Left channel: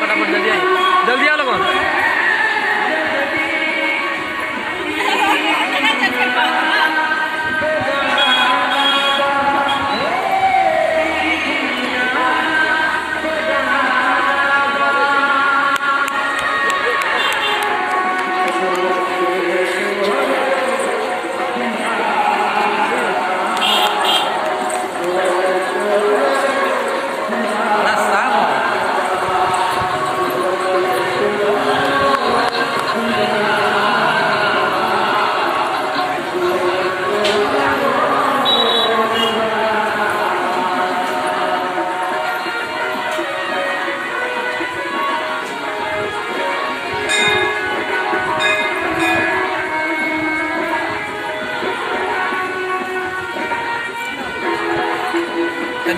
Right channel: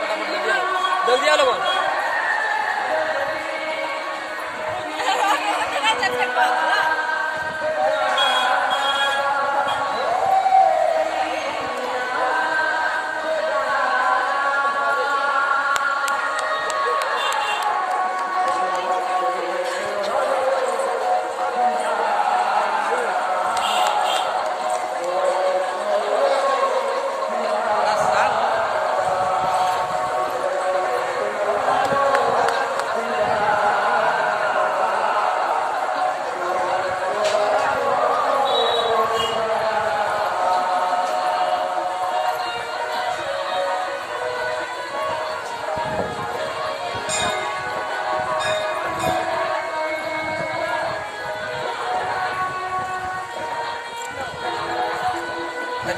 फटाफट जल्दी आओ लोगों।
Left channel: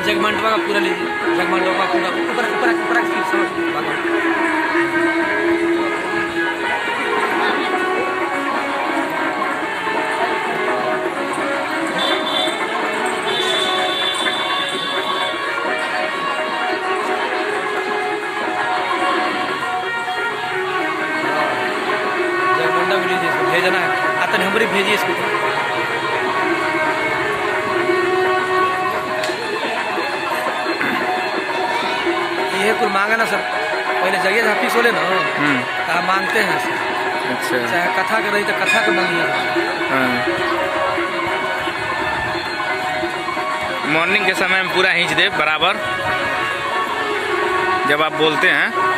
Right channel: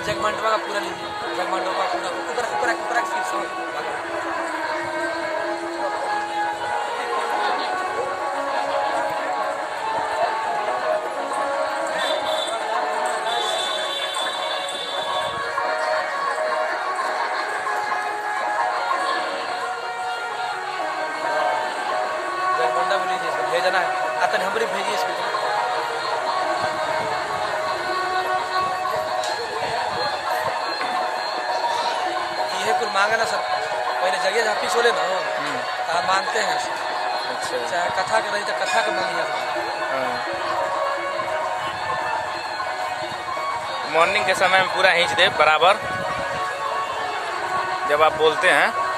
जगमंडवा का पूरा लीजिए, जगमंडवा का पूरा ऊपर ऊपर ऊपर जगमंडा भी लीजिए, इसको भेजना है। आता नंबर ही भेजिए इसको। ये कुल मांगा ना सर, पहले जगह जहाँ फिक्स हो ले ना कहाँ मांगते हैं सर। अच्छा, चाहे कथा के रही तो कथा के मांगिए। मॉर्निंग के समय में पूरा खींच दे बराबर जब आप बोलते हैं।